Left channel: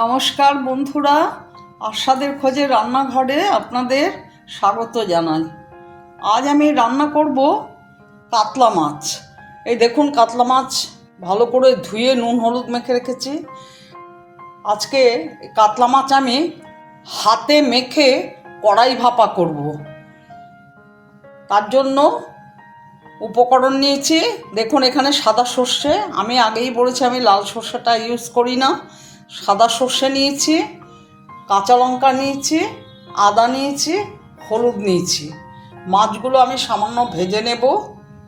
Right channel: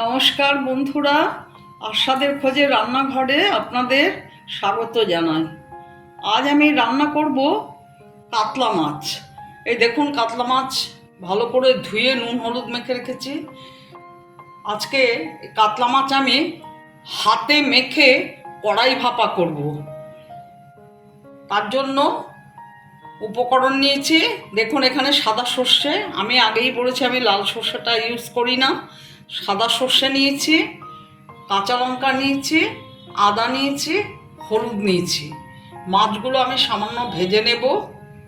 নমস্কার বন্ধুরা, আশাদের খোঁজে রান্নাঘরে আপনাদের স্বাগত জানাই। আজ আমি রান্না করব কাতলা মাছ। এই দেখুন কাতলা মাছ, ভালো করে ধুয়ে নুন, হলুদ মেখে রেখেছি। আজকে কাতলা মাছ আমি হাতে মেখে কড়াই ভাপা করব। তার জন্য উপকরণ নিয়েছি। দেখুন এখানে সাদা সর্ষে, আমি আগেই বলেছি আমি লাল সর্ষেটা ইউজ করি না। সাদা সর্ষে নিয়েছি, কাঁচা লঙ্কা নিয়েছি, আদা নিয়েছি, হলুদ নিয়েছি। মাছগুলো আমি সামান্য ভেজে নেব,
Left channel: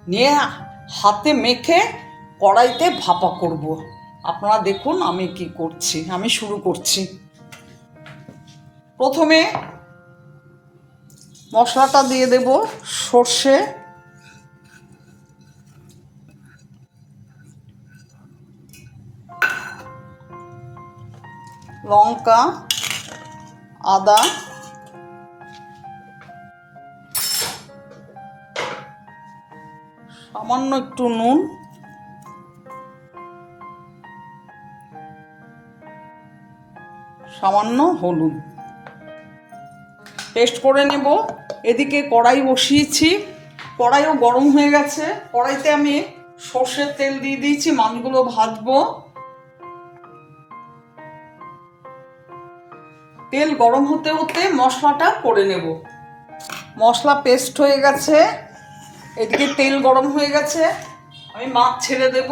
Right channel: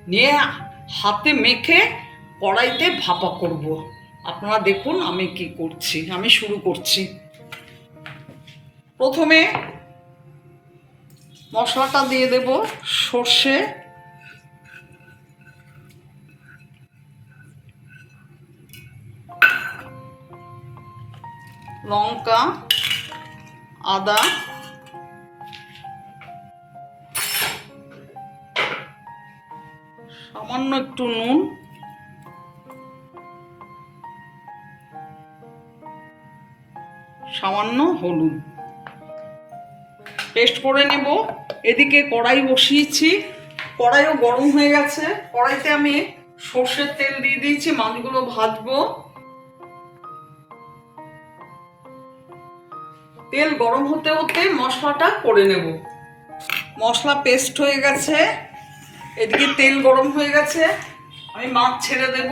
নিয়ে হাতে মেখে কড়াইতে ভাপা করব। আপনারা দেখুন আমি কি করছি, আমি শুরু করছি। প্রথমে মশলাটা দিয়ে দেব, সর্ষে লঙ্কা, আদা, সামান্য একটু নুন, সামান্য হলুদ। পেস্ট করে নেব। এদিকে কড়াই বসিয়েছি। কড়াইও গরম হয়ে গেছে। কড়াইতে আমি সর্ষের তেল দিয়ে দিয়েছি। মাছগুলো ভাজবো। তেল গরম হতে হতে মশলাটা করে নেব। মশলা পেস্ট হয়ে গেছে। এদিকে তেল গরম হয়ে গেছে। আমি মাছ ছেড়ে দেব।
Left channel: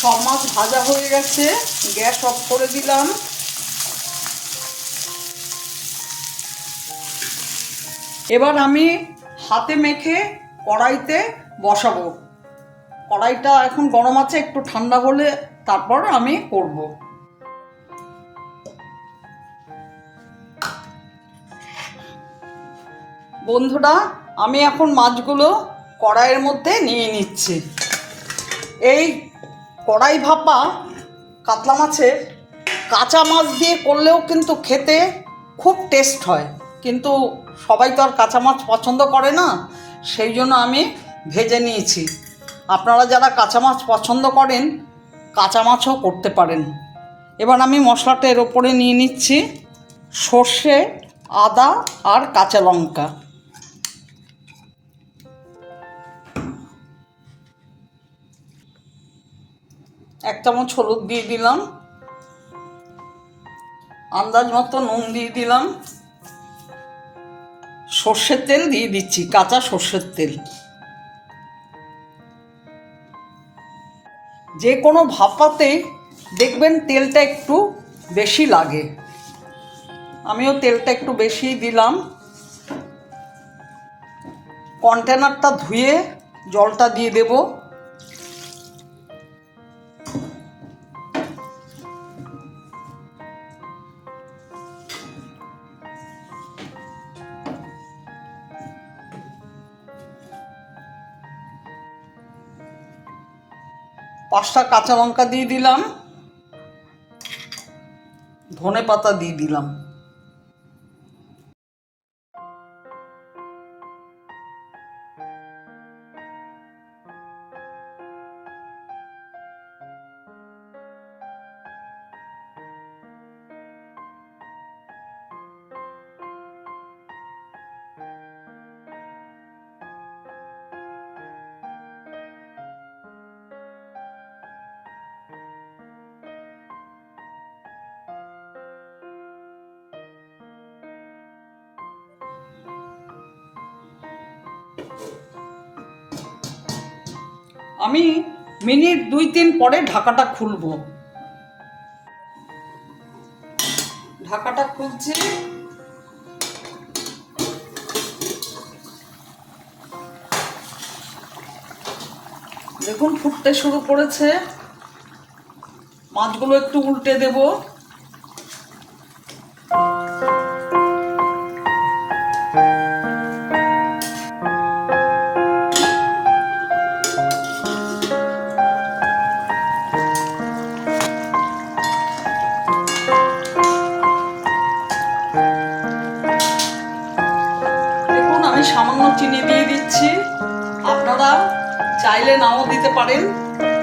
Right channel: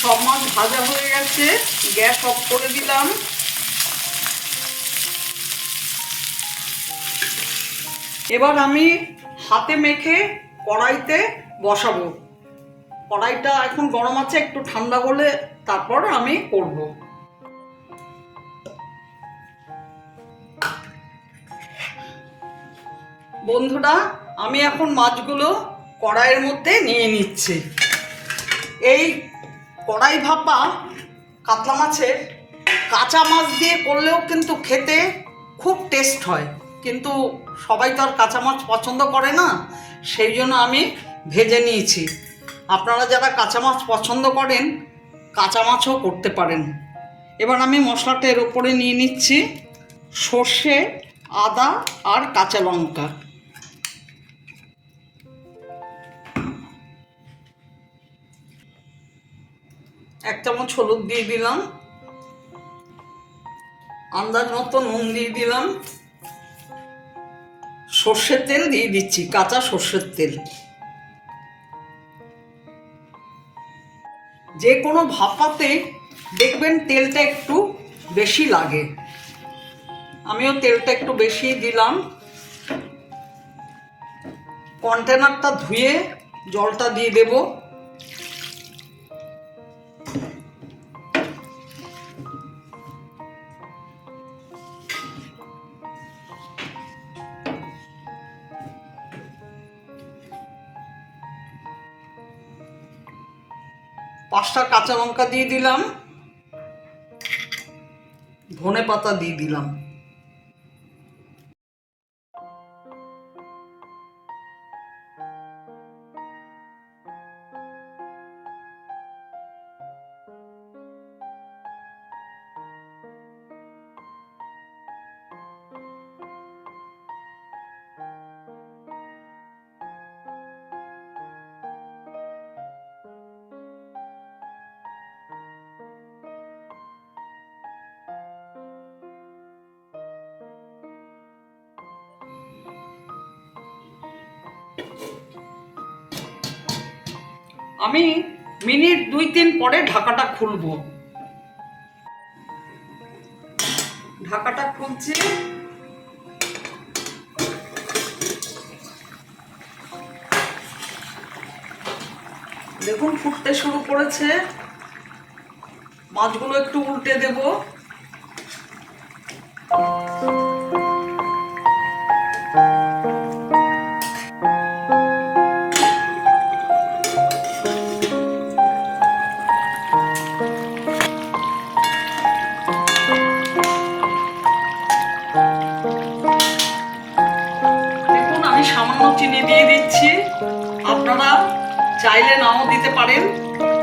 সব মাছ ভাজা হয়ে গেছে। গ্যাস অফ করে দিলাম। এবার আমি হাতে মেখে কড়াইতে বসাবো। কড়াইটা এখন গরম আছে, একটু ঠান্ডা হলে তারপর আমি করব। বন্ধুরা, আমি এখন মাছগুলো কড়াইয়ের মধ্যে নিয়ে নিচ্ছি। এই কড়াই ভাপা কাতলা মাছের কাঁচা মাছ দিয়ে করলেও কিন্তু খেতে খুব টেস্ট হয়। কিন্তু সবাই তো আর কাঁচা মাছ পছন্দ করে না। সেই জন্য আমি ভেজে নিয়েছি। আপনারা যারা কাঁচা মাছ পছন্দ করেন, কাঁচা মাছও করতে পারেন। এবার আমি মশলাটা এর ওপরে নিয়ে নিচ্ছি সর্ষে, আদা আর কাঁচা লঙ্কা। এক চামচ হলুদ দিয়ে দিলাম। আন্দাজ মতো নুন দিয়ে দিলাম। সর্ষের তেল দিয়ে দিচ্ছি, কাঁচা সর্ষের তেল। যে কোনো ভাপাতে দেখবেন তেলটা একটু বেশি লাগে। আমিও তেলটা একটু বেশি দিলাম। কন্টেনারটা ধুয়ে জলটা দিয়ে দেব। পাঁচটা কাঁচা লঙ্কা দিয়ে দিলাম। ধনে পাতা দিয়ে দিলাম। আমি মিনিট দুই তিন পরে ঢাকাটা খুলব। ঢাকাটা খুলছি। দেখুন, ফুটতে শুরু করেছে। মাছগুলো একটু উল্টে দেব। চিনি দিয়ে দিচ্ছি। আপনারা চাইলে নাও দিতে পারেন,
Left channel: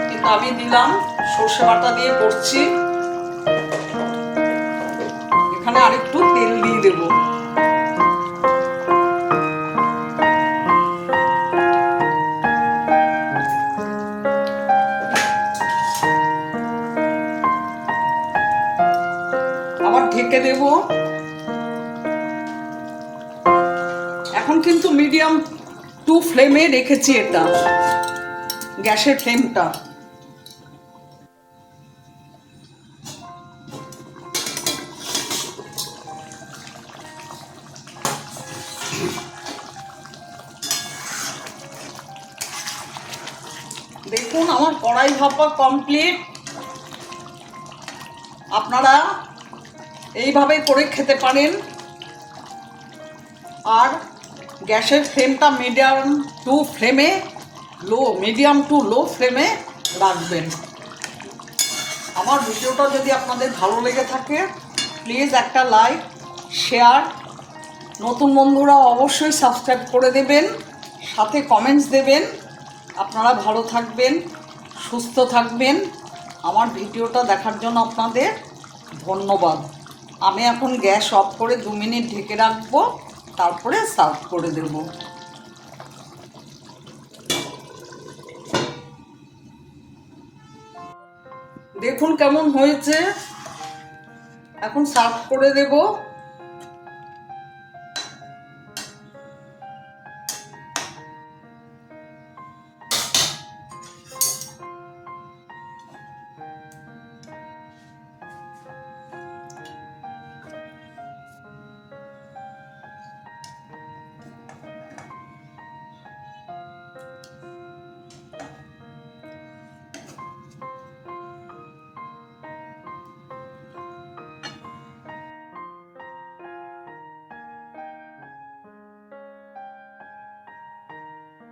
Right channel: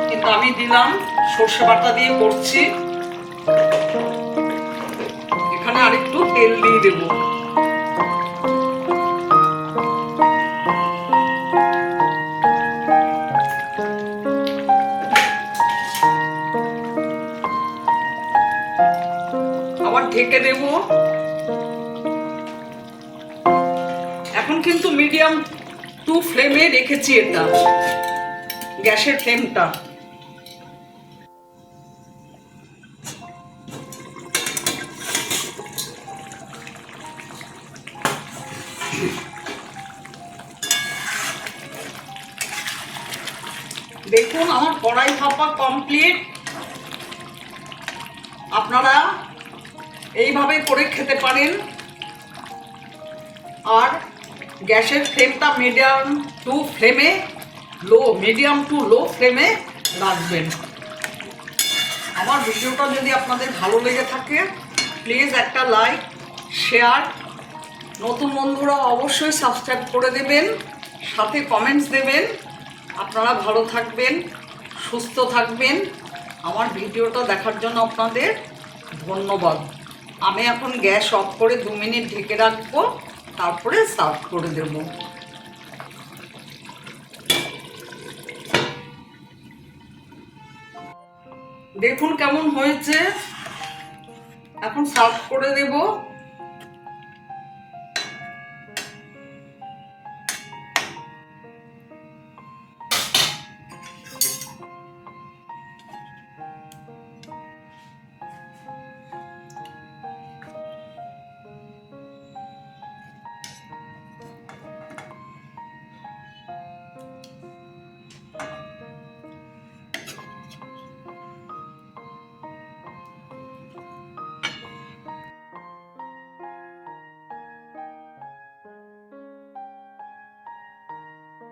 কিন্তু আমি দিলাম, সর্ষে বাটা দিয়ে করছি। এখানে আরেকটু তেল দিয়ে দেবো। এখন কিন্তু মিডিয়াম টু ফ্লেমে রেখেছি এটা। গ্যাসের ফ্লেমটা দেখুন, আমার কড়াই ভাপা কমপ্লিট আপনারা এইভাবে করে খেতে পারেন। আর গ্যাসের ফ্লেমটা মিডিয়াম টু ফ্লেমে লো মিডিয়াম টু লো ফ্লেমে রাখবেন। আমার ভিডিওটা যদি আপনাদের ভালো লেগে থাকে প্লিজ একটা লাইক শেয়ার নতুন বন্ধুরা অবশ্যই সাবস্ক্রাইব করে দেবেন, সাথে কমেন্টস দেবেন। আপনারা ভালো থাকবেন, সুস্থ থাকবেন। আমার ভিডিওটা দেখার জন্য আপনাদের ধন্যবাদ। আমি এখন গ্যাস অফ করে দু মিনিট ঢেকে রাখব। তারপরে সার্ভ করে দেব। দেখুন কেমন হয়েছে। এখন সার্ভ করে দেবো।